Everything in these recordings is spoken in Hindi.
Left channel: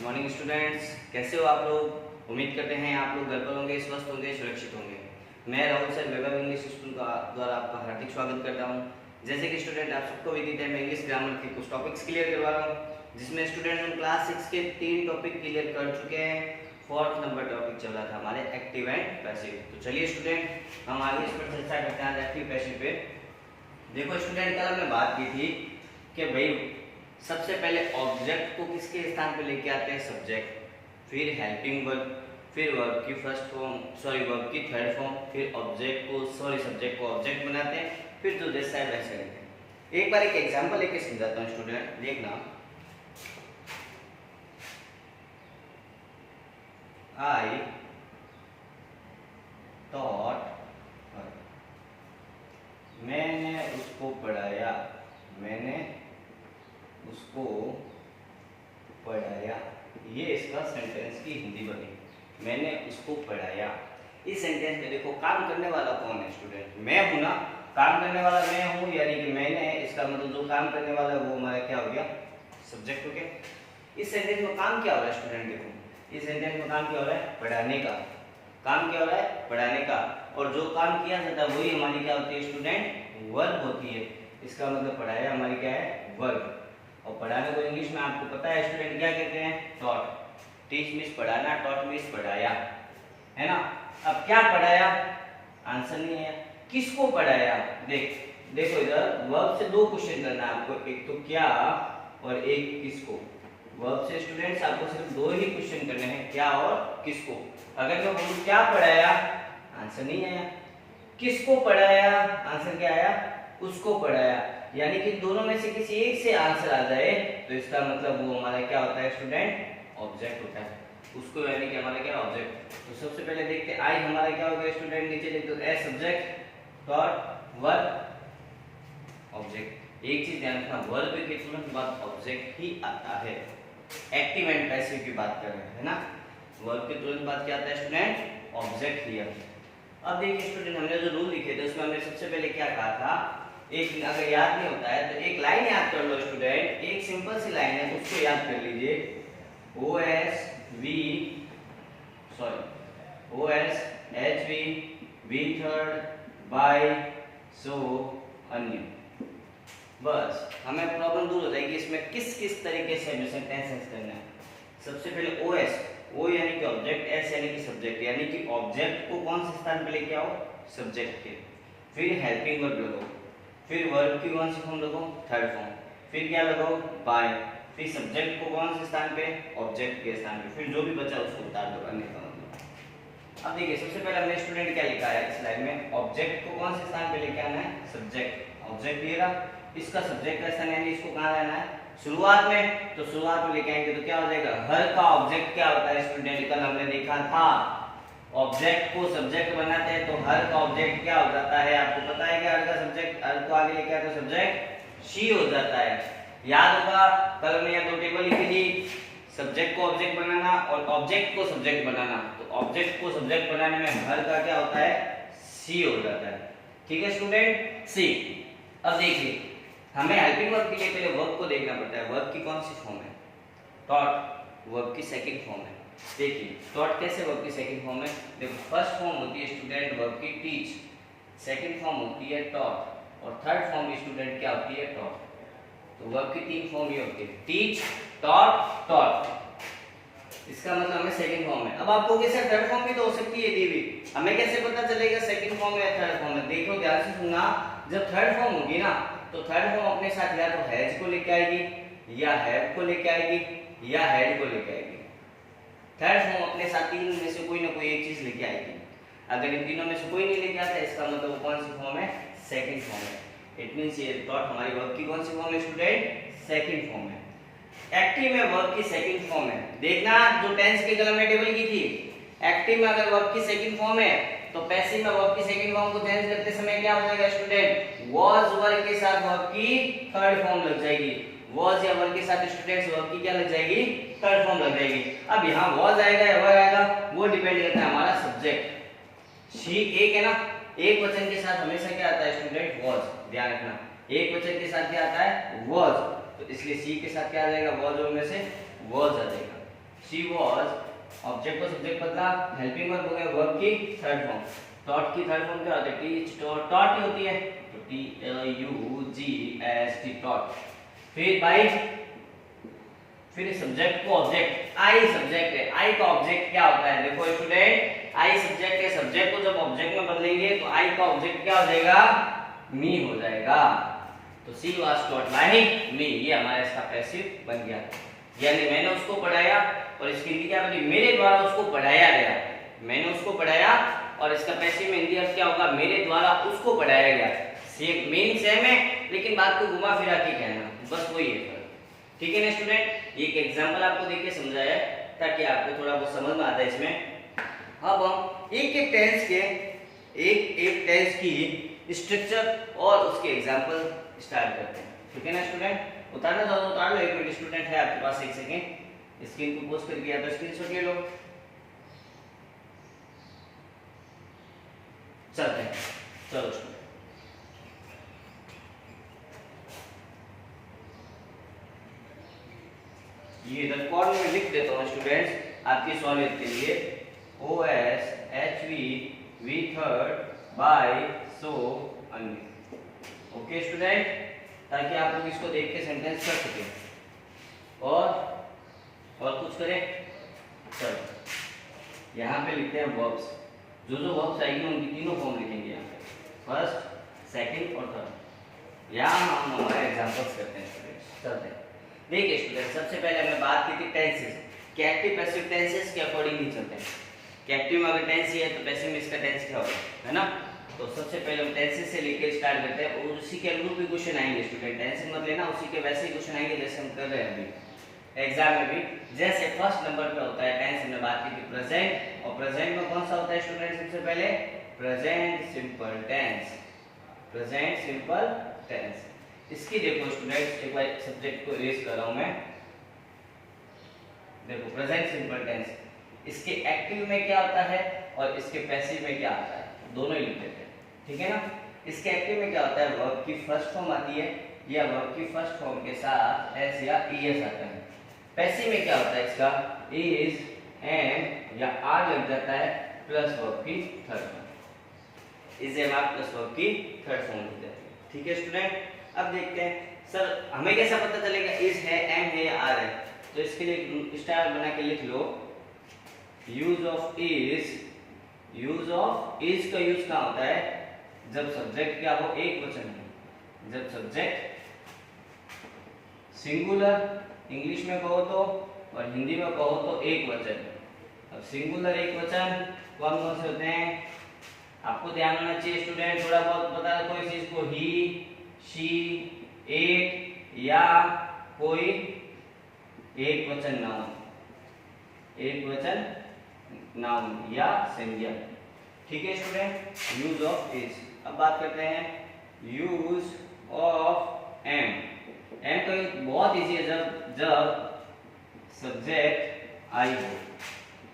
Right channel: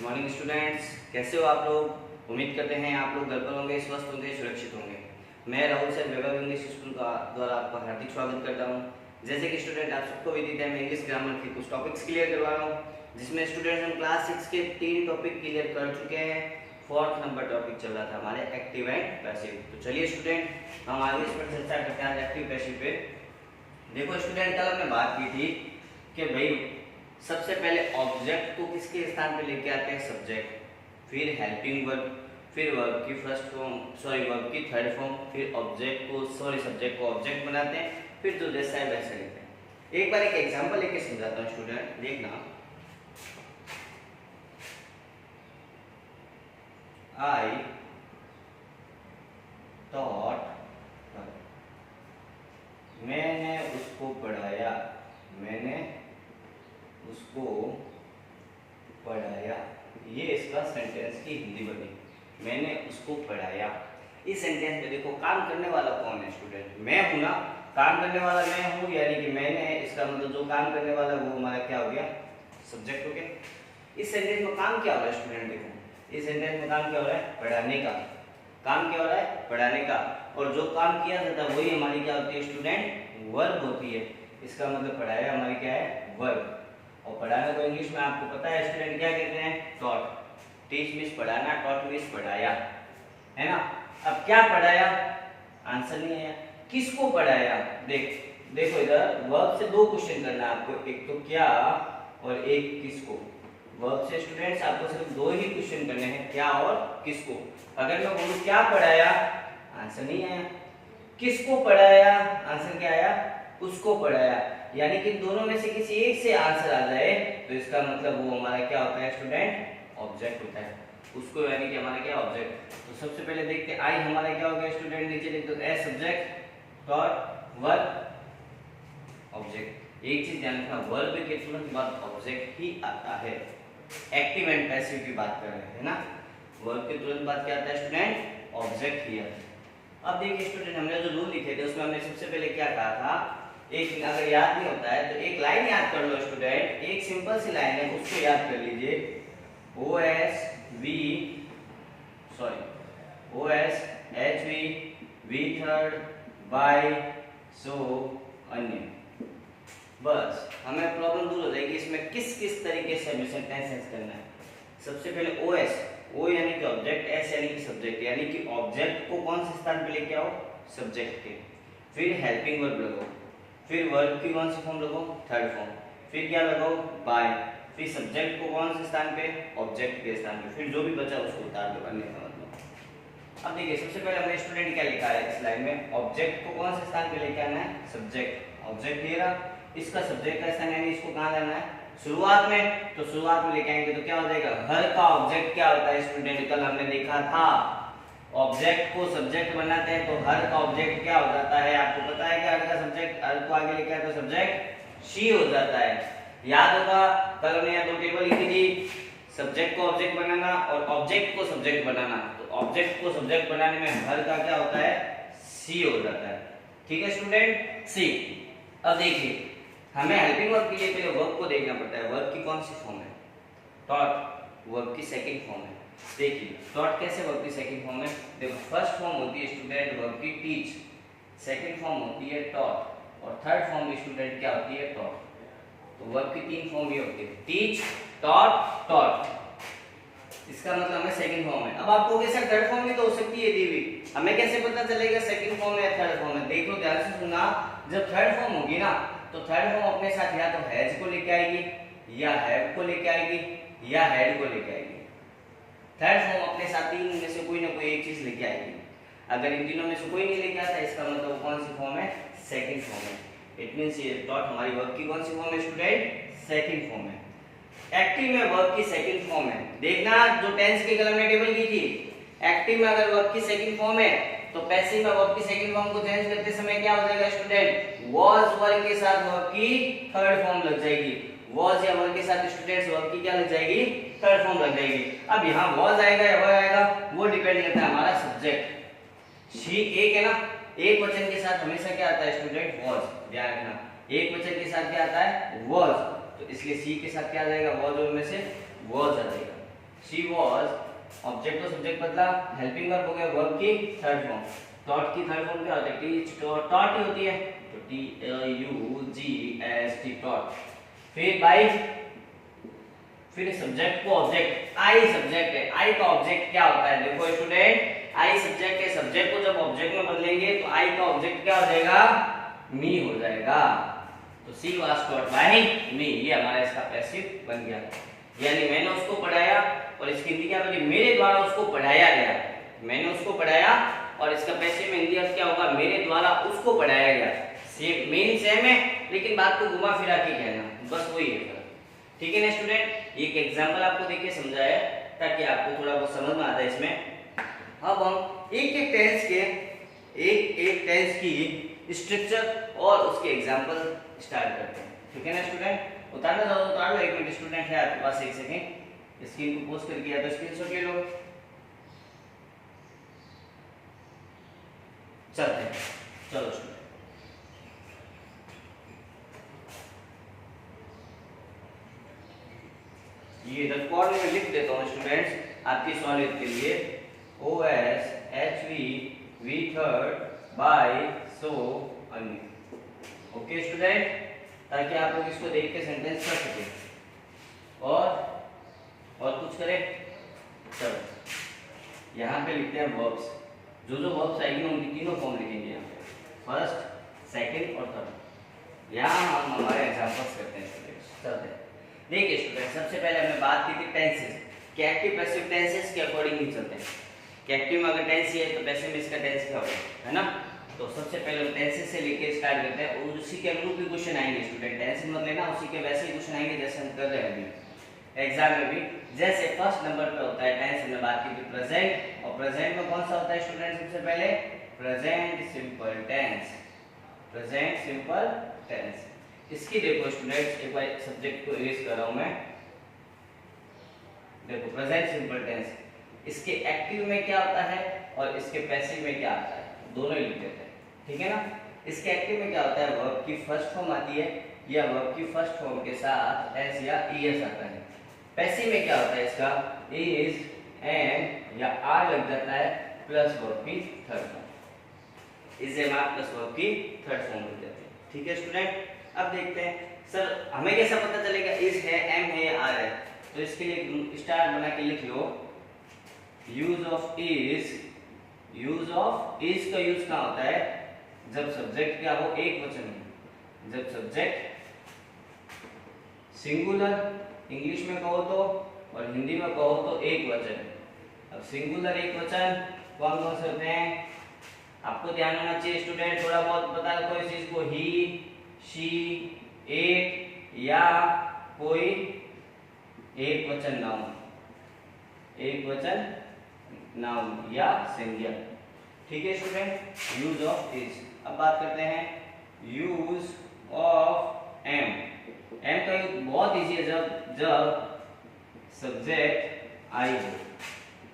गुड मॉर्निंग स्टूडेंट्स, कैसे हो आप लोग। उम्मीद करते हैं आप लोग घर पर होंगे, स्वस्थ होंगे, सुरक्षित होंगे। मैं राहुल सर वैभव इंग्लिश स्कूल का द्वारा आपका हार्दिक स्वागत करता हूं। जैसे कि स्टूडेंट आप सबको विदित है, मैं इंग्लिश ग्रामर के कुछ टॉपिक्स क्लियर करवा रहा हूं, जिसमें स्टूडेंट्स हम क्लास 6 के 3 टॉपिक क्लियर कर चुके हैं। 4th नंबर टॉपिक चल रहा था हमारे एक्टिव एंड पैसिव। तो चलिए स्टूडेंट, हम आगे इस पर चर्चा करते हैं एक्टिव पैसिव पे। देखो स्टूडेंट, कल हमने बात की थी कि भाई सबसे पहले ऑब्जेक्ट को किसके स्थान पे लेके आते हैं, सब्जेक्ट, फिर हेल्पिंग वर्ब, फिर वर्ब की फर्स्ट फॉर्म वर्ब की थर्ड फॉर्म, फिर ऑब्जेक्ट को सब्जेक्ट को ऑब्जेक्ट बनाते हैं, फिर जो जैसा है वैसा लेते हैं। एक बार एक एग्जांपल लेके समझाता हूँ स्टूडेंट, देखना। आई टॉट, मैंने उसको पढ़ाया, मैंने उसको पढ़ाया। ये इसका सेंटेंस की हिंदी बनी, मैंने उसको पढ़ाया। इस सेंटेंस में देखो काम करने वाला कौन है स्टूडेंट, मैं हूं ना। काम करने वाला मैं हूं, यानी कि मैंने, इसका मतलब जो काम करने वाला वो हमारा क्या हो गया, सब्जेक्ट हो गया। इस सेंटेंस में काम क्या हो रहा है स्टूडेंट, देखो इस सेंटेंस में काम क्या हो रहा है, पढ़ाने का। काम क्या हो रहा है, पढ़ाने का। और जो काम किया जाता है वही हमारी क्या होती है स्टूडेंट, वर्ब होती है। इसका मतलब पढ़ाया हमारी क्या है, वर्ब। और पढ़ाने को इंग्लिश में आपको पता है स्टूडेंट क्या कहते हैं, टॉट। टीच मीन्स पढ़ाना, टॉट मीन्स पढ़ाया, है ना। अब क्या पढ़ाया, आंसर नहीं आया। किसको पढ़ाया, देखो इधर वर्ब से दो क्वेश्चन करना है आपको, एक तो क्या और एक किसको। वर्ब से स्टूडेंट्स आपको सिर्फ दो ही क्वेश्चन करने हैं, क्या और किसको। अगर मैं बोलूं क्या पढ़ाया, आंसर नहीं आया। किसको पढ़ाया, आंसर क्या आया, उसको पढ़ाया। यानी कि दोनों में से किसी एक से आंसर आ जाए तो इसका मतलब वो हमारा क्या होता है स्टूडेंट, ऑब्जेक्ट होता है। उसको यानी कि हमारा क्या, ऑब्जेक्ट। तो सबसे पहले देखते हैं आई हमारा क्या हो गया स्टूडेंट, नीचे लिख दो S subject, dot verb object. एक चीज ध्यान रखना, वर्ब के तुरंत बाद ऑब्जेक्ट ही आता है। एक्टिव एंड पैसिव की बात कर रहे हैं ना, वर्ब के तुरंत बाद क्या आता है स्टूडेंट, ऑब्जेक्ट ही आता है। अब देखिए स्टूडेंट, हमने जो रूल लिखे थे उसमें हमने सबसे पहले क्या कहा था, एक अगर याद नहीं होता है तो एक लाइन याद कर लो स्टूडेंट, एक सिंपल सी लाइन है उसको याद कर लीजिए। O S H V third by सो अन्य। बस हमें प्रॉब्लम दूर हो जाएगी इसमें किस किस तरीके से हमें सेंटेंस करना है। सबसे पहले ओ एस, ओ यानी कि ऑब्जेक्ट, एस यानी कि सब्जेक्ट, यानी कि ऑब्जेक्ट को कौन से स्थान पे लेके आओ, सब्जेक्ट के। फिर हेल्पिंग वर्ब लगाओ, फिर वर्ब की कौन सी फॉर्म लगाओ, थर्ड फॉर्म, फिर क्या लगाओ, बाय, फिर सब्जेक्ट को कौन से स्थान पे, ऑब्जेक्ट के स्थान पे, फिर जो भी बचा उसको उतार दो, अन्य का मतलब। अब देखिए सबसे पहले हमने स्टूडेंट क्या लिखा है इस लाइन में, ऑब्जेक्ट को कौन से स्थान पे लेके आना है, सब्जेक्ट। ऑब्जेक्ट ले रहा, इसका सब्जेक्ट का स्थान यानी इसको कहां लाना है, शुरुआत में। तो शुरुआत में लेके आएंगे तो क्या हो जाएगा, घर का ऑब्जेक्ट क्या होता है स्टूडेंट, कल हमने देखा था ऑब्जेक्ट को सब्जेक्ट बनाते हैं तो हर का ऑब्जेक्ट क्या हो जाता है, आपको पता है कि हर का सब्जेक्ट, हर को आगे लेके आए तो सब्जेक्ट शी हो जाता है। याद होगा कल हमने यहाँ दो टेबल लिखी थी, सब्जेक्ट को ऑब्जेक्ट बनाना और ऑब्जेक्ट को सब्जेक्ट बनाना। तो ऑब्जेक्ट को सब्जेक्ट बनाने में हर का क्या होता है, सी हो जाता है। ठीक है स्टूडेंट, सी। अब देखिए हमें हेल्पिंग वर्ब के लिए पहले वर्ब को देखना पड़ता है, वर्ब की कौन सी फॉर्म है, टॉट, वर्ब की सेकंड फॉर्म है। देखिए टॉट कैसे वर्ब की सेकंड फॉर्म है, देखो फर्स्ट फॉर्म होती है स्टूडेंट वर्ब की टीच, सेकंड फॉर्म होती है टॉट और थर्ड फॉर्म स्टूडेंट क्या होती है, टॉट। तो वर्ब की तीन फॉर्म ये होती है, टीच, टॉट, टॉट। इसका मतलब हमें सेकंड फॉर्म है। अब आपको कैसे थर्ड फॉर्म भी तो हो सकती है दीवी, हमें कैसे पता चलेगा सेकंड फॉर्म है या थर्ड फॉर्म है। देखो ध्यान से सुनना, जब थर्ड फॉर्म होगी ना तो थर्ड फॉर्म अपने साथ या तो हैज को लेके आएगी या हैव को लेके आएगी या हैड को लेके आएगी। थर्ड फॉर्म अपने साथ तीन में से कोई ना कोई एक चीज लेके आएगी। अगर इन तीनों में से कोई नहीं लेके आता इसका मतलब कौन सी फॉर्म है, सेकंड फॉर्म है। इट मींस ये डॉट हमारी वर्ब की कौन सी फॉर्म है स्टूडेंट, सेकंड फॉर्म है। एक्टिव में वर्ब की सेकंड फॉर्म है, देखना जो टेंस की कलम में टेबल की थी, एक्टिव में अगर वर्ब की सेकंड फॉर्म है तो पैसिव में वर्ब की सेकंड फॉर्म को चेंज करते समय क्या हो जाएगा स्टूडेंट, वाज वर्ब के साथ वर्ब की थर्ड फॉर्म लग जाएगी। वाज या वर के साथ स्टूडेंट्स वर्ब की क्या लग जाएगी, थर्ड फॉर्म लग जाएगी। अब यहाँ वाज आएगा या वर आएगा वो डिपेंड करता है हमारा सब्जेक्ट। शी एक है ना, एक वचन के साथ हमेशा क्या आता है स्टूडेंट, वाज। ध्यान रखना एक वचन के साथ क्या आता है, वाज, तो इसलिए सी के साथ क्या आ जाएगा, वाज और में से वाज आ जाएगा। शी वॉज, ऑब्जेक्ट को सब्जेक्ट बदला, हेल्पिंग वर्ब हो गया वर्ब की थर्ड फॉर्म। टॉट की थर्ड फॉर्म क्या होती है? टीच, टॉट ही होती है, तो TUGST टॉट। फिर बाय, फिर सब्जेक्ट को ऑब्जेक्ट, आई सब्जेक्ट है, आई का ऑब्जेक्ट क्या होता है? देखो स्टूडेंट, आई सब्जेक्ट है, सब्जेक्ट को जब ऑब्जेक्ट में बदलेंगे तो आई का ऑब्जेक्ट क्या हो जाएगा? मी हो जाएगा। तो सी वाज टॉट बाय मी, ये हमारा इसका पैसिव बन गया, यानी मैंने उसको पढ़ाया, और इसकी हिंदी क्या बनी? मेरे द्वारा उसको पढ़ाया गया। मैंने उसको पढ़ाया और इसका पैसिव में हिंदी अर्थ क्या होगा? मेरे द्वारा उसको पढ़ाया गया। सेम मीन सेम है, लेकिन बात को घुमा फिरा के कहना, बस वही है। ठीक है ना स्टूडेंट, ये एक एग्जांपल आपको देके समझाया ताकि आपको थोड़ा बहुत समझ में आता है इसमें। अब हम एक एक टेंस के एक टेंस की स्ट्रक्चर और उसके एग्जांपल स्टार्ट करते हैं। ठीक है ना स्टूडेंट, उतार लो एक मिनट, स्टूडेंट है आपके पास, एक सेकेंड स्क्रीन को पोस्ट करके या तो स्क्रीनशॉट ले लो। चलते हैं, चलो स्टूडेंट, ये इधर कॉर्नर में लिख देता हूँ स्टूडेंट्स आपकी सहूलियत के लिए, OSHV V थर्ड बाय सो अन्य। ओके स्टूडेंट, ताकि आप लोग इसको देख के सेंटेंस कर सके। और कुछ करें? चलो यहाँ पे लिखते हैं वर्ब्स, जो वर्ब्स आएंगे उनकी तीनों फॉर्म लिखेंगे यहाँ पे, फर्स्ट, सेकंड और थर्ड। यहाँ हम हमारे एग्जांपल्स करते हैं स्टूडेंट्स। चलते हैं, देखिए स्टूडेंट, सबसे पहले हमने बात की थी टेंसेस के, एक्टिव पैसिव टेंसेस के अकॉर्डिंग ही चलते हैं कि एक्टिव में अगर टेंस है तो पैसिव में इसका टेंस क्या होगा, है ना। तो सबसे पहले हम टेंसेस से लेके स्टार्ट करते हैं, और उसी के अनुरूप भी क्वेश्चन आएंगे स्टूडेंट, टेंशन मत लेना, उसी के वैसे ही क्वेश्चन आएंगे जैसे हम कर रहे हैं अभी एग्जाम में भी। जैसे फर्स्ट नंबर पे होता है टेंस, हमने बात की थी प्रेजेंट, और प्रेजेंट में कौन सा होता है स्टूडेंट? सबसे पहले present simple tense, present simple tense. इसकी देखो स्टूडेंट, एक बार सब्जेक्ट को इरेज कर रहा हूं मैं, देखो प्रेजेंट सिंपल टेंस, इसके एक्टिव में क्या होता है और इसके पैसिव में क्या आता है, दोनों ही लिख देते हैं। ठीक है ना। इसके एक्टिव में क्या होता है? वर्ब की फर्स्ट फॉर्म आती है, या वर्ब की फर्स्ट फॉर्म के साथ एस या ईएस आता है। पैसिव में क्या होता है? इसका इज, एम या आर लग जाता है, प्लस वर्ब की third form, is am are plus verb की थर्ड फॉर्म लग जाती है। ठीक है स्टूडेंट, अब देखते हैं सर हमें कैसा पता चलेगा इज है, एम है या आर है? तो इसके लिए स्टार बना के लिख लो, use of is. Use of is का यूज कहाँ होता है? जब सब्जेक्ट क्या हो? एक वचन में। जब सब्जेक्ट सिंगुलर इंग्लिश में कहो तो, और हिंदी में कहो तो एक वचन। अब सिंगुलर एक वचन कौन कौन से होते हैं? आपको ध्यान होना चाहिए स्टूडेंट, थोड़ा बहुत बता दो कोई चीज को, ही, शी, इट, या कोई एक वचन नाउन, एक वचन नाउन या सिंगुलर। ठीक है स्टूडेंट, यूज ऑफ इज। अब बात करते हैं यूज ऑफ एम। एम का यूज बहुत इजी है, जब सब्जेक्ट आई हो,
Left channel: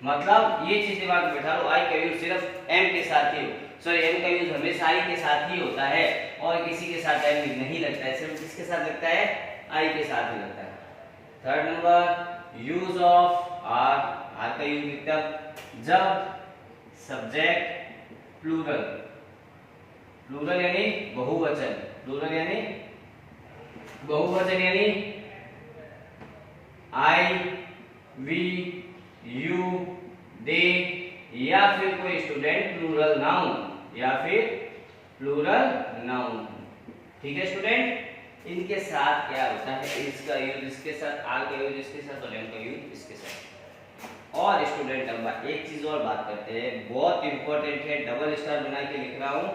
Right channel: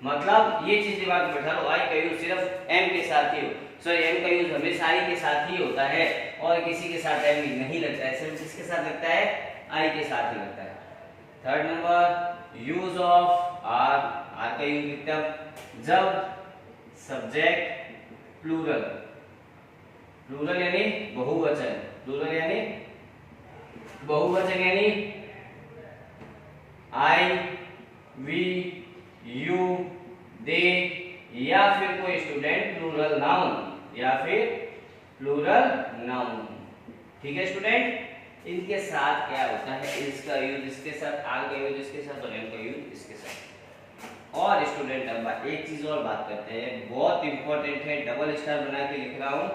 मतलब ये चीज दिमाग में बैठा लो, आई का यूज सिर्फ एम के साथ ही हो, सॉरी एम का यूज हमेशा आई के साथ ही होता है, और किसी के साथ एम नहीं लगता है, सिर्फ किसके साथ लगता है? आई के साथ ही लगता है। Third number use of are. Are का यूज लिखते हैं जब सब्जेक्ट प्लूरल, प्लूरल यानी बहुवचन, प्लूरल यानी बहुवचन, यानी आई, वी, यू, दे, या फिर कोई स्टूडेंट प्लूरल नाउन, या फिर प्लूरल नाउन। ठीक है स्टूडेंट, इनके साथ क्या होता है? इसका यूज इसके साथ, आर का यूज इसके साथ, और एम का यूज इसके साथ। और स्टूडेंट अब एक चीज और बात करते हैं, बहुत इंपॉर्टेंट है, डबल स्टार बना के लिख रहा हूं,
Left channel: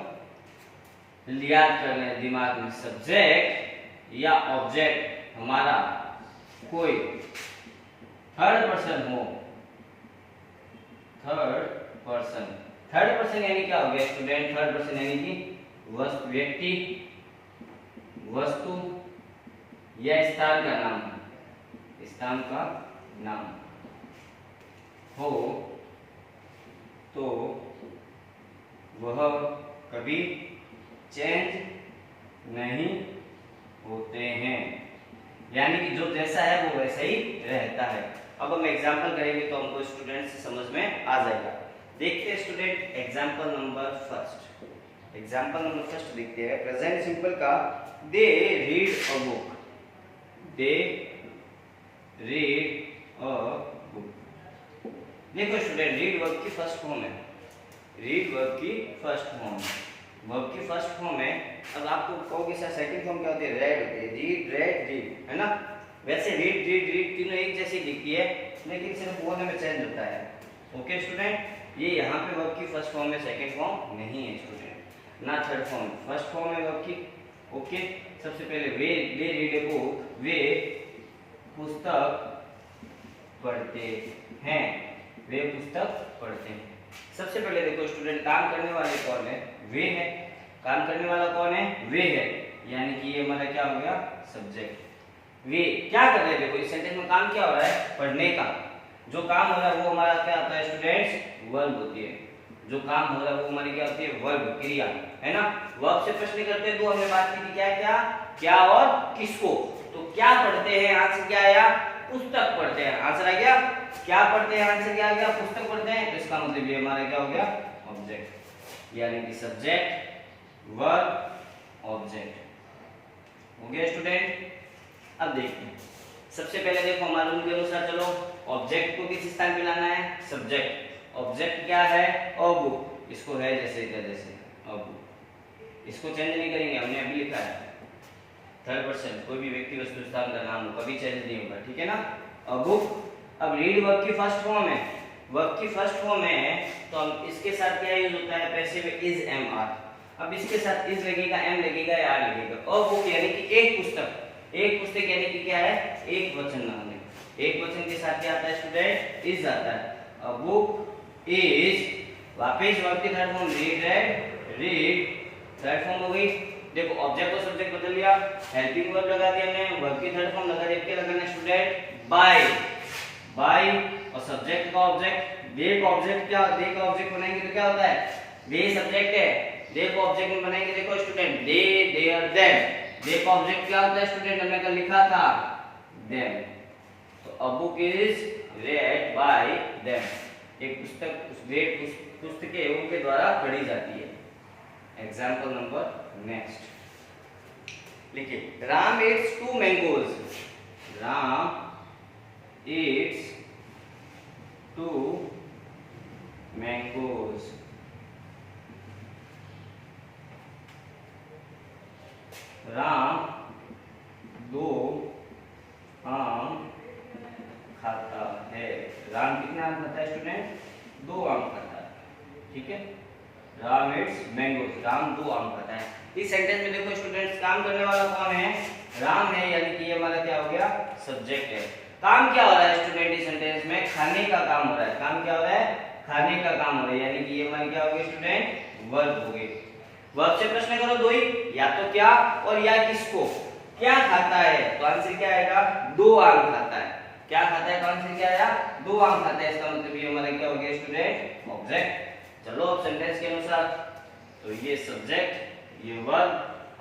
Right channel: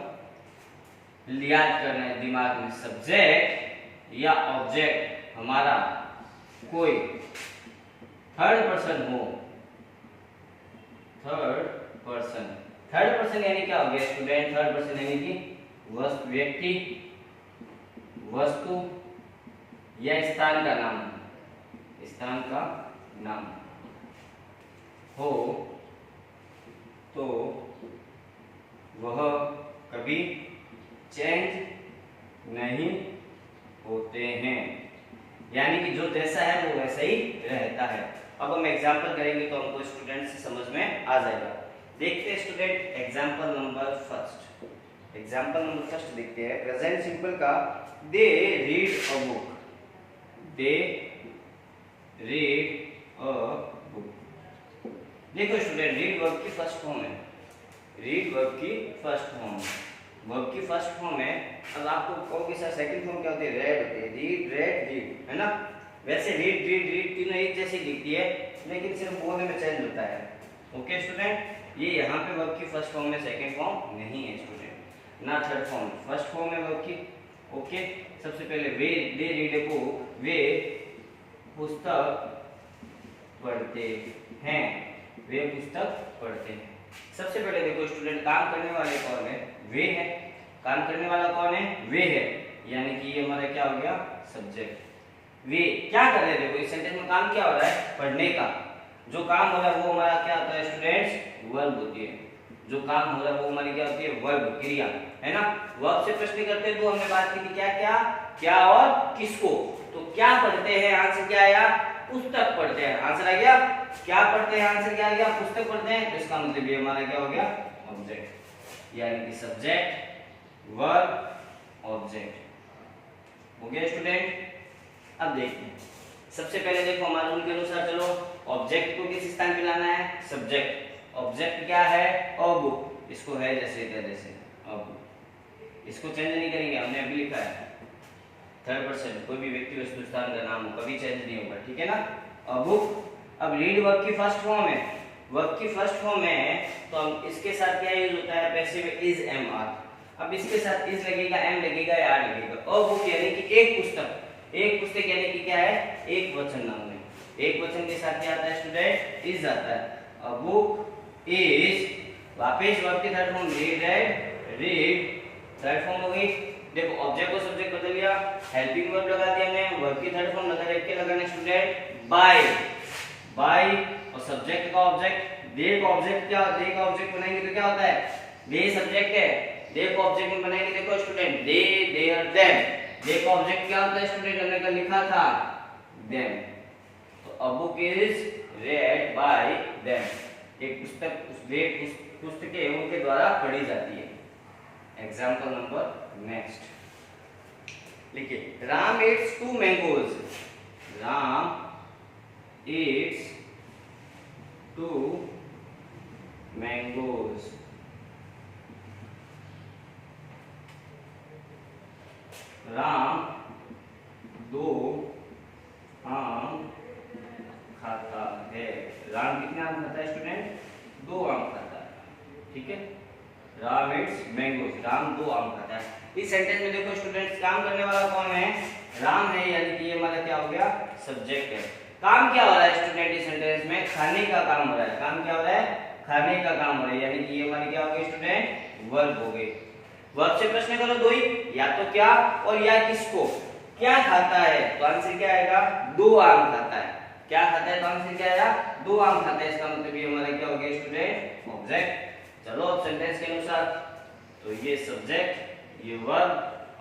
याद करना है दिमाग में। सब्जेक्ट या ऑब्जेक्ट हमारा कोई थर्ड पर्सन हो, थर्ड पर्सन, थर्ड पर्सन यानी क्या हो गया स्टूडेंट? थर्ड पर्सन यानी कि व्यक्ति, वस्तु या स्थान का नाम, स्थान का नाम हो तो वह कभी चेंज नहीं होते हैं, यानी कि जो जैसा है वो वैसा ही रहता है। अब हम एग्जाम्पल करेंगे तो हमको स्टूडेंट से समझ में आ जाएगा। देखते हैं student example number first. Example number first देखते हैं प्रेजेंट सिंपल का। They read a book, they read a book. देखो स्टूडेंट रीड वर्ब की फर्स्ट फॉर्म है, रीड वर्ब की फर्स्ट फॉर्म है, वर्ब की फर्स्ट फॉर्म है। अब आपको कहोगे सर सेकंड फॉर्म क्या होती है? रेड होती है, रीड रेड रीड, है ना। वैसे रीड रीड रीड तीनों एक जैसी दिखती है, लेकिन सिर्फ बोलने में चेंज होता है। ओके स्टूडेंट, ये यहाँ पे वर्ब की फर्स्ट फॉर्म है, सेकंड फॉर्म नहीं है स्टूडेंट, ना थर्ड फॉर्म, फर्स्ट फॉर्म है वर्ब की। ओके, सबसे पहले वे रीड ए बुक, वे पुस्तक पढ़ते हैं, वे पुस्तक पढ़ते हैं। सबसे पहले देखो स्टूडेंट काम करने वाले कौन है? वे है। काम करने वाला कौन है? वे है, यानी कि ये हमारा क्या हो गया? सब्जेक्ट। वे क्या कर रहे हैं? देखो इस सेंटेंस में काम क्या हो रहा है? पढ़ने का। जो काम हो रहा है वो हमारा क्या होता है स्टूडेंट्स? वर्ब होती है। जो काम हो रहा है वो हमारी क्या होती है? वर्ब, क्रिया, है ना। वर्ब से प्रश्न करते तो हमने बात की थी क्या क्या क्या और किसको। तो क्या पढ़ते हैं, आंसर क्या आया? पुस्तक पढ़ते हैं, आंसर आ गया। क्या पढ़ते हैं, आंसर क्या आ गया? पुस्तक पढ़ते हैं। तो इसका मतलब ये हमारा क्या हो गया? ऑब्जेक्ट, यानी कि सब्जेक्ट वर्ब ऑब्जेक्ट। हो गया स्टूडेंट। अब देखिए सबसे पहले देखो हमारे रूल के अनुसार चलो ऑब्जेक्ट को किस स्थान पे लाना है? सब्जेक्ट। ऑब्जेक्ट क्या है? अ बुक, इसको है जैसे क्या जैसे अ बुक, इसको चेंज नहीं करेंगे, हमने अभी लिखा है थर्ड पर्सन, कोई भी व्यक्ति वस्तु स्थान का नाम कभी चेंज नहीं होगा, ठीक है ना। A book. अब रीड वर्ब की फर्स्ट फॉर्म है, वर्ब की फर्स्ट फॉर्म है तो हम इसके साथ क्या यूज होता है? Passive is am are. अब इसके साथ इज लगेगा, एम लगेगा या आर लगेगा। अ बुक यानी कि एक पुस्तक, एक पुस्तक यानी कि क्या है? एक वचन नाम है। एक वचन के साथ क्या आता है स्टूडेंट? इज आता है। अ बुक इज, वापस वर्ब की third form read red read, third form हो गई। देखो ऑब्जेक्ट को सब्जेक्ट बदल लिया, हेल्पिंग वर्ब लगा दिया हमने, वर्ब की थर्ड फॉर्म लगा देख के लगाना स्टूडेंट बाय, बाय और सब्जेक्ट का ऑब्जेक्ट। दे का ऑब्जेक्ट क्या? दे का ऑब्जेक्ट बनाएंगे तो क्या होता है? दे सब्जेक्ट है, दे को ऑब्जेक्ट में बनाएंगे देखो स्टूडेंट दे देयर देम। दे का ऑब्जेक्ट क्या होता है स्टूडेंट? हमने कल लिखा था देम। तो a book is red bye them, एक पुस्तक पुस्तकें उनके द्वारा पढ़ी जाती है। एग्जाम्पल नंबर नेक्स्ट लिखिए, Ram eats 2 mangoes, Ram eats 2 mangoes. Ram 2 आम खाता है। राम कितने आम खाता है स्टूडेंट? 2 आम खाता है, ठीक है। राम इट्स मैंगोज, राम 2 आम खाता है। इस सेंटेंस में देखो स्टूडेंट्स काम करने वाला कौन है? राम है, यानी कि ये हमारा क्या हो गया? सब्जेक्ट है। काम क्या हो रहा है स्टूडेंट इस सेंटेंस में? खाने का काम हो रहा है। काम क्या हो रहा है? खाने का काम हो रहा है, यानी कि ये हमारी क्या हो गई स्टूडेंट? वर्ब हो गई। वर्ब से प्रश्न करो दो ही, या तो क्या और या किसको। क्या खाता है तो आंसर क्या आएगा? 2 आम खाता है। क्या खाता है तो आंसर क्या आया? 2 आम खाता है। इसका मतलब ये हमारा क्या हो गया स्टूडेंट? ऑब्जेक्ट। चलो अब सेंटेंस के अनुसार, तो ये सब्जेक्ट, ये वर्ब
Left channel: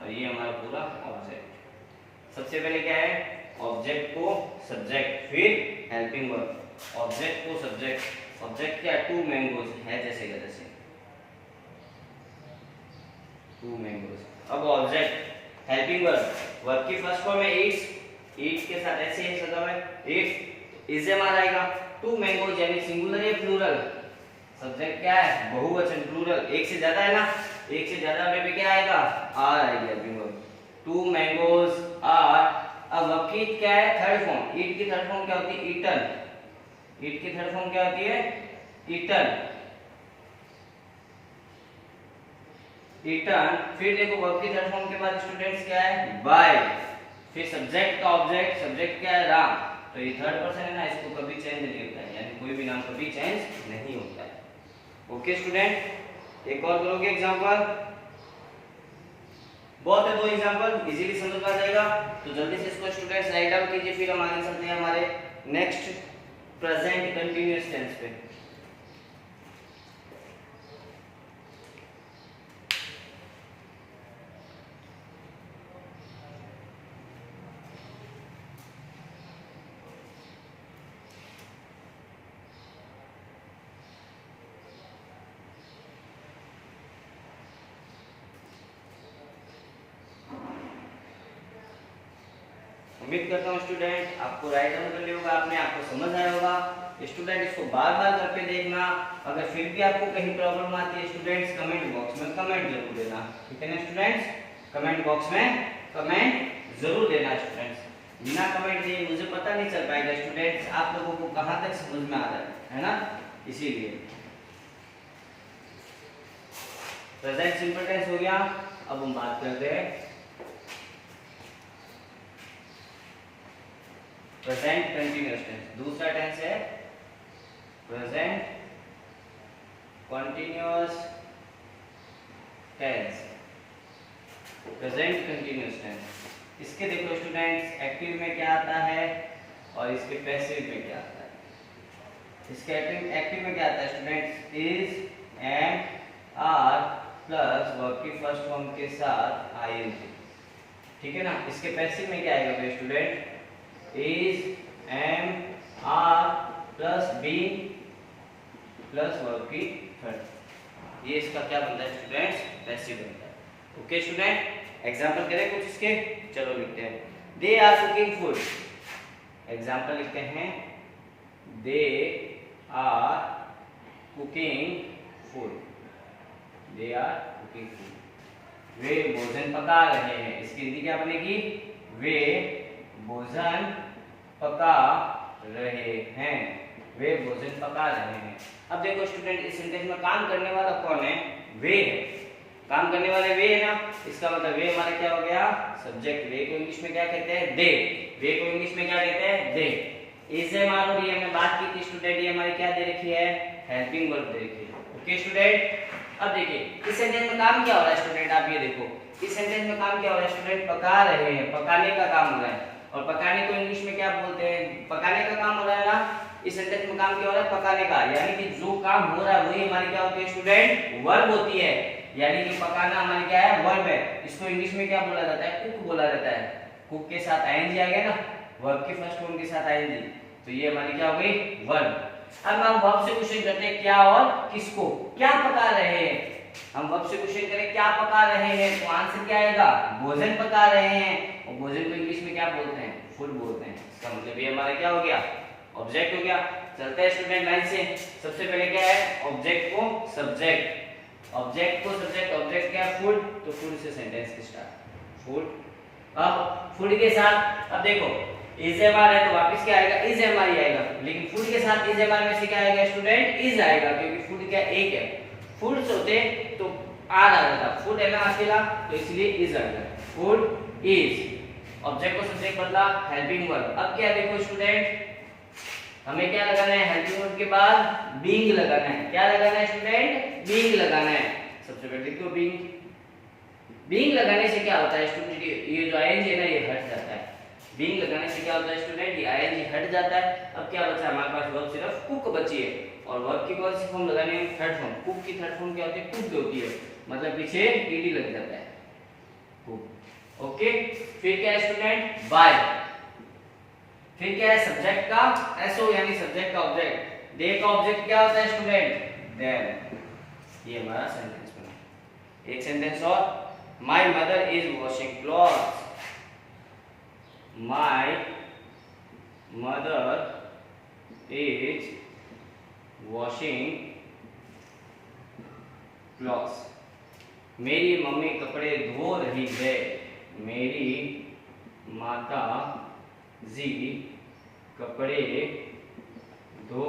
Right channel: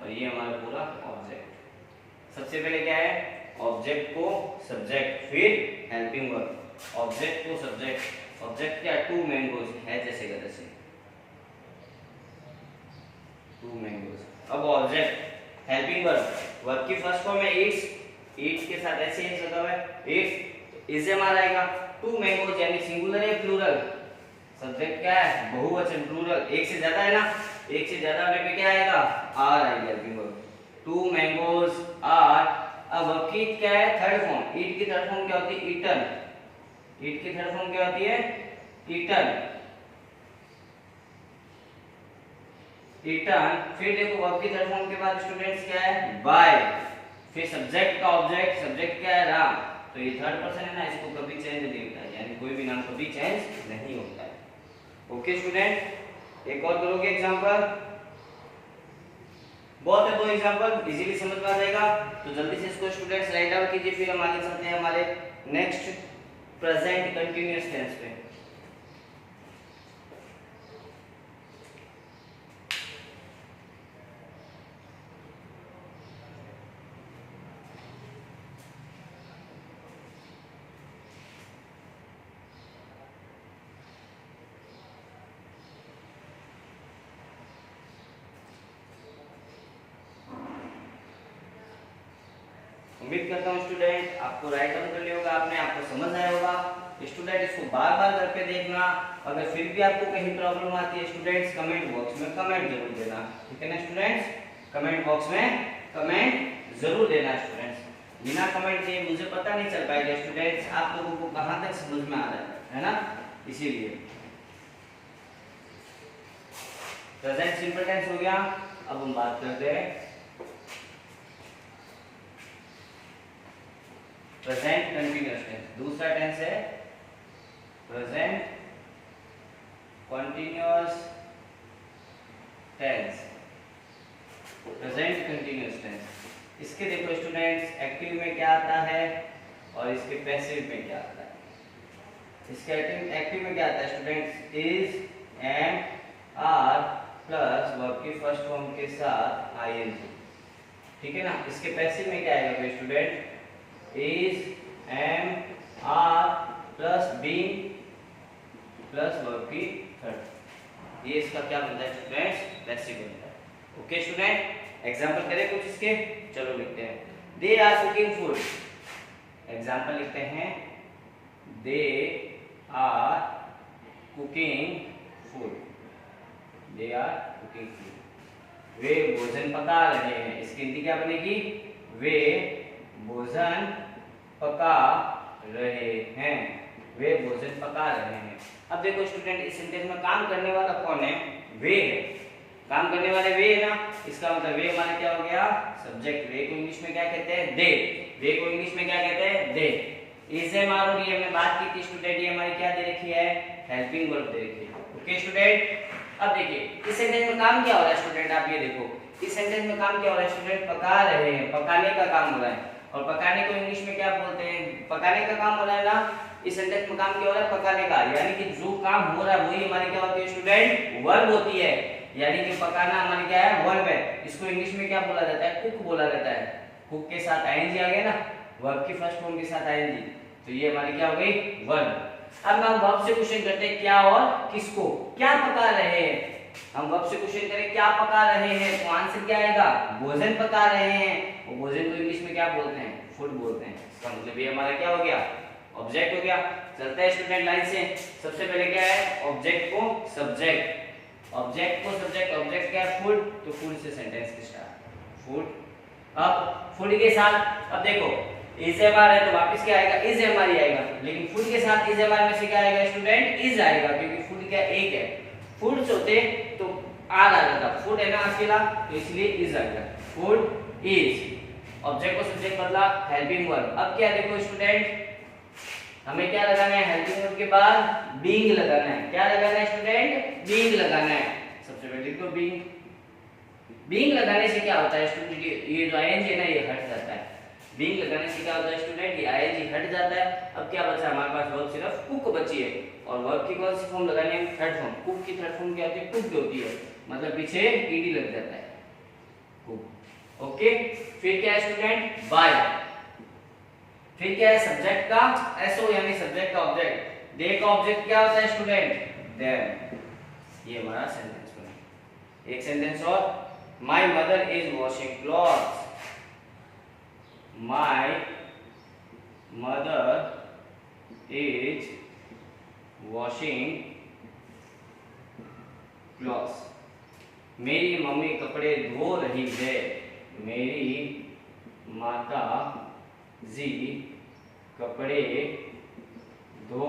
और ये हमारा पूरा ऑब्जेक्ट। सबसे पहले क्या है? ऑब्जेक्ट को सब्जेक्ट, फिर हेल्पिंग वर्ब। ऑब्जेक्ट को सब्जेक्ट, ऑब्जेक्ट क्या? 2 मैंगोज है जैसे का जैसे 2 मैंगोज। अब ऑब्जेक्ट हेल्पिंग वर्ब, वर्ब की फर्स्ट फॉर्म है ईट्स, ईट्स के साथ ऐसे ही मतलब है ईट्स, इज एम आर आएगा। 2 मैंगोज यानी सिंगुलर है प्लूरल, सब्जेक्ट क्या है? बहुवचन प्लूरल, एक से ज्यादा है ना, एक से ज्यादा होने पे क्या आएगा? आर आएगा हेल्पिंग वर्ब। 2 mangoes are. अब वर्ब की क्या है? Third form. ईट की थर्ड फॉर्म क्या होती है? ईटन। ईट की थर्ड फॉर्म क्या होती है? Eaten, eaten. फिर देखो वर्ब की थर्ड फॉर्म के बाद स्टूडेंट्स क्या है? बाय। फिर सब्जेक्ट का ऑब्जेक्ट, सब्जेक्ट क्या है? राम। तो ये थर्ड पर्सन है ना, इसको कभी चेंज नहीं होता है, यानी कोई भी नाम कभी चेंज नहीं होता है। ओके स्टूडेंट, एक और करोगे एग्जांपल? बहुत है 2 एग्जांपल, इजीली समझ में आ जाएगा। तो जल्दी से इसको स्टूडेंट्स राइट डाउन कीजिए, फिर हम आगे चलते हैं हमारे नेक्स्ट प्रेजेंट कंटीन्यूअस टेंस पे। उम्मीद करता हूँ स्टूडेंट आपको राइट आंसर कर लिया होगा आपने, आपको समझ आया होगा। स्टूडेंट इसको बार बार करके देखना। अगर फिर भी आपको कहीं प्रॉब्लम आती है स्टूडेंट्स कमेंट बॉक्स में कमेंट जरूर देना, ठीक है ना स्टूडेंट्स। कमेंट बॉक्स में कमेंट जरूर देना स्टूडेंट्स। बिना कमेंट दिए मुझे पता नहीं चल पाएगा स्टूडेंट्स आप लोगों को कहां तक समझ में आ रहा है ना, इसीलिए। प्रेजेंट सिंपल टेंस हो गया। अब हम बात करते हैं प्रेजेंट कंटीन्यूअस टेंस। दूसरा टेंस है present continuous tense. Present continuous tense इसके देखो स्टूडेंट्स एक्टिव में क्या आता है और इसके पैसिव में क्या आता है। इसके एक्टिव में क्या आता है students, is am are plus verb की फर्स्ट फॉर्म के साथ आईएनजी, ठीक है ना। इसके पैसिव में क्या आएगा फिर student, is am are plus being plus verb की थर्ड। ये इसका क्या बनता है स्टूडेंट्स, पैसिव बनता है। ओके स्टूडेंट, एग्जाम्पल करें कुछ इसके, चलो लिखते हैं। They are cooking food. Example लिखते हैं, they are cooking food. They are cooking food, वे भोजन पका रहे हैं। इसकी हिंदी क्या बनेगी, वे भोजन पका रहे हैं। वे भोजन पका रहे हैं। अब देखो स्टूडेंट इस सेंटेंस में काम करने वाला कौन है, वे है। काम करने वाले वे है ना, इसका मतलब वे हमारा क्या हो गया, सब्जेक्ट। वे को इंग्लिश में क्या कहते हैं, दे। वे को इंग्लिश में क्या कहते हैं, दे। इज एम आर और ये हमने बात की थी स्टूडेंट, ये हमारी क्या दे रखी है, हेल्पिंग वर्ब दे रखी है। ओके स्टूडेंट, अब देखिए इस सेंटेंस में काम क्या हो रहा है स्टूडेंट, आप ये देखो इस सेंटेंस में काम क्या हो रहा है स्टूडेंट, पका रहे हैं, पकाने का काम हो रहा है। और पकाने को इंग्लिश में क्या बोलते हैं, पकाने का काम हो रहा है ना। इस सेंटेंस में काम क्या हो रहा है, पकाने का, यानी कि जो काम हो रहा है वही हमारी क्या होती है स्टूडेंट, वर्ब होती है। यानी कि पकाना हमारी क्या है, वर्ब है। इसको इंग्लिश में क्या बोला जाता है, कुक बोला जाता है। कुक के साथ आईएनजी आ गया ना, वर्ब की फर्स्ट फॉर्म के साथ आईएनजी, तो ये हमारी क्या हो गई, वर्ब। अब हम वर्ब से क्वेश्चन करते हैं, क्या और किसको, क्या पका रहे हैं। हम वर्ब से क्वेश्चन करें क्या पका रहे हैं, तो आंसर क्या आएगा, भोजन पका रहे हैं। और भोजन को इंग्लिश में क्या बोलते हैं, फूड बोलते हैं। इसका मतलब ये हमारा क्या हो गया, ऑब्जेक्ट हो गया। चलता है स्टूडेंट लाइन से। सबसे पहले क्या है, ऑब्जेक्ट को सब्जेक्ट, ऑब्जेक्ट को सब्जेक्ट। ऑब्जेक्ट क्या है, फूड, तो फूड से सेंटेंस की स्टार्ट, फूड। अब फूड के साथ अब देखो इज एम आर है तो वापस क्या आएगा, इज एम आर ही आएगा। लेकिन फूड के साथ इज एम आर में से क्या आएगा स्टूडेंट, इज आएगा, क्योंकि फूड क्या एक है। फूड्स होते तो आर आ जाता, फूड है ना अकेला, तो इसलिए इज आएगा, फूड इज। ऑब्जेक्ट को सब्जेक्ट बदला, हेल्पिंग वर्ब। अब क्या देखो स्टूडेंट, हमें क्या लगाना है, हेल्पिंग वर्ब के बाद बीइंग लगाना है। क्या लगाना है स्टूडेंट, बीइंग लगाना है। सबसे पहले देखो बीइंग, बीइंग लगाने से क्या होता है स्टूडेंट, ये जो आईएनजी है ना ये हट जाता है। बीइंग लगाने से क्या होता है स्टूडेंट, ये आईएनजी हट जाता है। अब क्या बचा हमारे पास, वर्ब सिर्फ कुक बची है। और वर्ब की कौन सी फॉर्म लगानी है, थर्ड फॉर्म। कुक की थर्ड फॉर्म क्या होती है, कुक्ड होती है, मतलब पीछे ईडी लग जाता है, कुक। ओके, फिर क्या है स्टूडेंट, बाय। फिर क्या है सब्जेक्ट का एसओ, यानी सब्जेक्ट का ऑब्जेक्ट। दे का ऑब्जेक्ट क्या होता है स्टूडेंट, देम। ये हमारा सेंटेंस बना। एक सेंटेंस और, my mother is washing clothes. My mother is washing clothes. मेरी मम्मी कपड़े धो रही है। मेरी माता जी कपड़े धो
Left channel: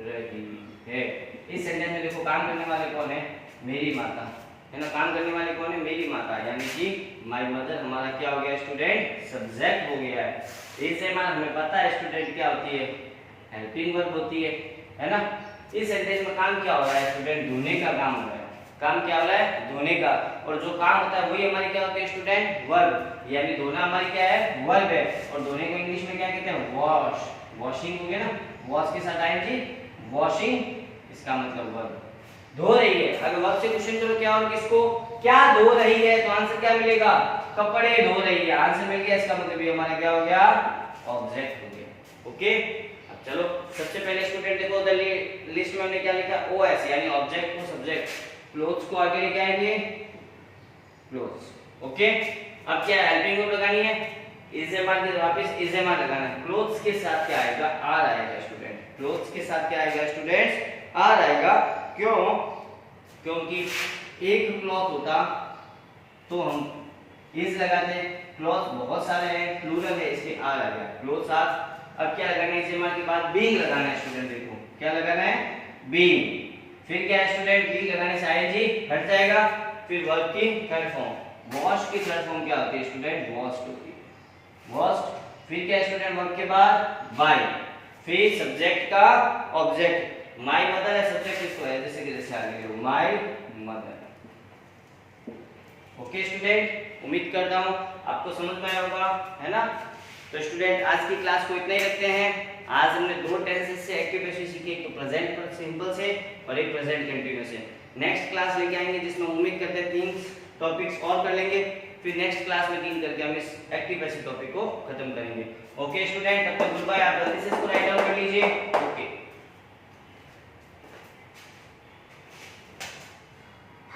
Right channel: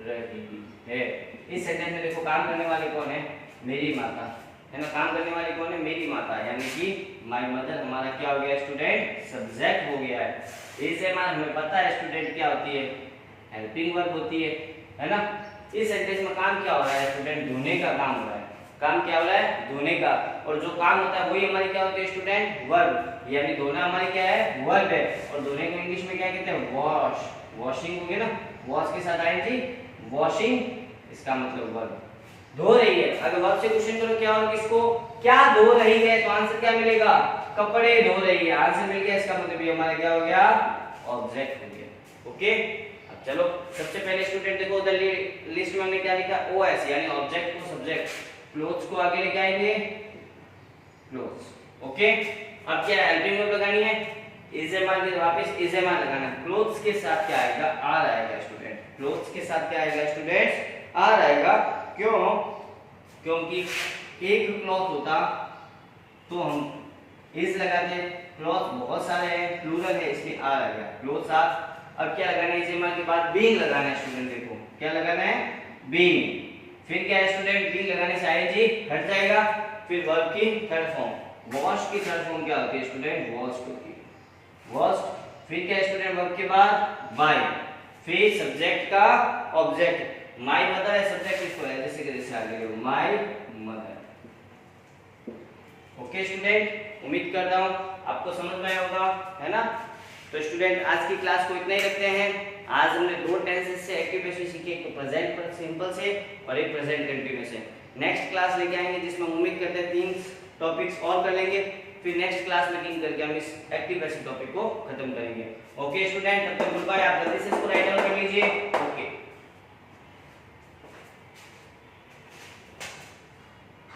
रही है। इस सेंटेंस में देखो काम करने वाले कौन है, मेरी माता है ना। काम करने वाले कौन है, मेरी माता, यानी कि माय मदर हमारा क्या हो गया स्टूडेंट, सब्जेक्ट हो गया है। इस एम आर हमें पता है स्टूडेंट क्या होती है, हेल्पिंग वर्ब होती है ना। इस सेंटेंस में काम क्या हो रहा है स्टूडेंट, धोने का काम हो रहा है। काम क्या हो रहा है, धोने का। और जो काम होता है वही हमारी क्या होती है स्टूडेंट, वर्ब, यानी धोना हमारी क्या है, वर्ब है। और धोने को इंग्लिश में क्या कहते हैं, वॉश। वॉशिंग हो गया ना, वॉश के साथ आएंगे वॉशिंग, इसका मतलब वर्ब। धो रही है, अगर वर्ब से क्वेश्चन करो क्या और किसको, क्या धो रही है, तो आंसर क्या मिलेगा, कपड़े धो रही है। आंसर मिल गया, इसका मतलब ये हमारा क्या हो गया, ऑब्जेक्ट हो गया। ओके, अब चलो सबसे पहले स्टूडेंट देखो उधर लिस्ट में हमने क्या लिखा, ओएस, यानी ऑब्जेक्ट को सब्जेक्ट। क्लोथ्स को आगे लिखाएंगे क्लोथ्स। ओके, अब क्या हेल्पिंग वर्ब लगानी है, इज एम आर के वापस इज एम आर लगाना, क्लोथ्स के साथ क्या आएगा, आर आएगा स्टूडेंट, क्लोथ्स के साथ क्या आएगा स्टूडेंट्स, आर आएगा। क्यों, क्योंकि एक क्लॉथ होता तो हम इज लगाते हैं, क्लॉथ बहुत सारे हैं, प्लूरल है, इसमें आर आ गया, क्लॉथ्स आर। अब क्या लगाना है, इज एम आर के बाद बीइंग लगाना है स्टूडेंट, देखो क्या लगाना है, बीइंग। फिर क्या है स्टूडेंट, बीइंग लगाने से आईएनजी हट जाएगा। फिर वर्ब की थर्ड फॉर्म, वॉश्ड की थर्ड फॉर्म क्या होती है स्टूडेंट, वॉश्ड होती है, वॉश्ड। फिर क्या है स्टूडेंट, वर्ब के बाद बाय, फिर सब्जेक्ट का ऑब्जेक्ट, माय मदर है सब्जेक्ट, इसको है जैसे कि जैसे आगे माय मदर। ओके स्टूडेंट, उम्मीद करता हूँ आपको समझ में आया होगा, है ना। तो स्टूडेंट आज की क्लास को इतना ही रखते हैं। आज हमने दो टेंसेस से एक्टिव पैसिव सीखे, एक तो प्रेजेंट सिंपल से और एक प्रेजेंट कंटिन्यूअस से। नेक्स्ट क्लास लेके आएंगे जिसमें उम्मीद करते हैं 3 टॉपिक्स और कर लेंगे, फिर नेक्स्ट क्लास में 3 करके हम इस एक्टिव पैसिव टॉपिक को खत्म करेंगे। ओके स्टूडेंट, तब तक गुड बाय। आप जल्दी से इसको राइट डाउन कर लीजिए।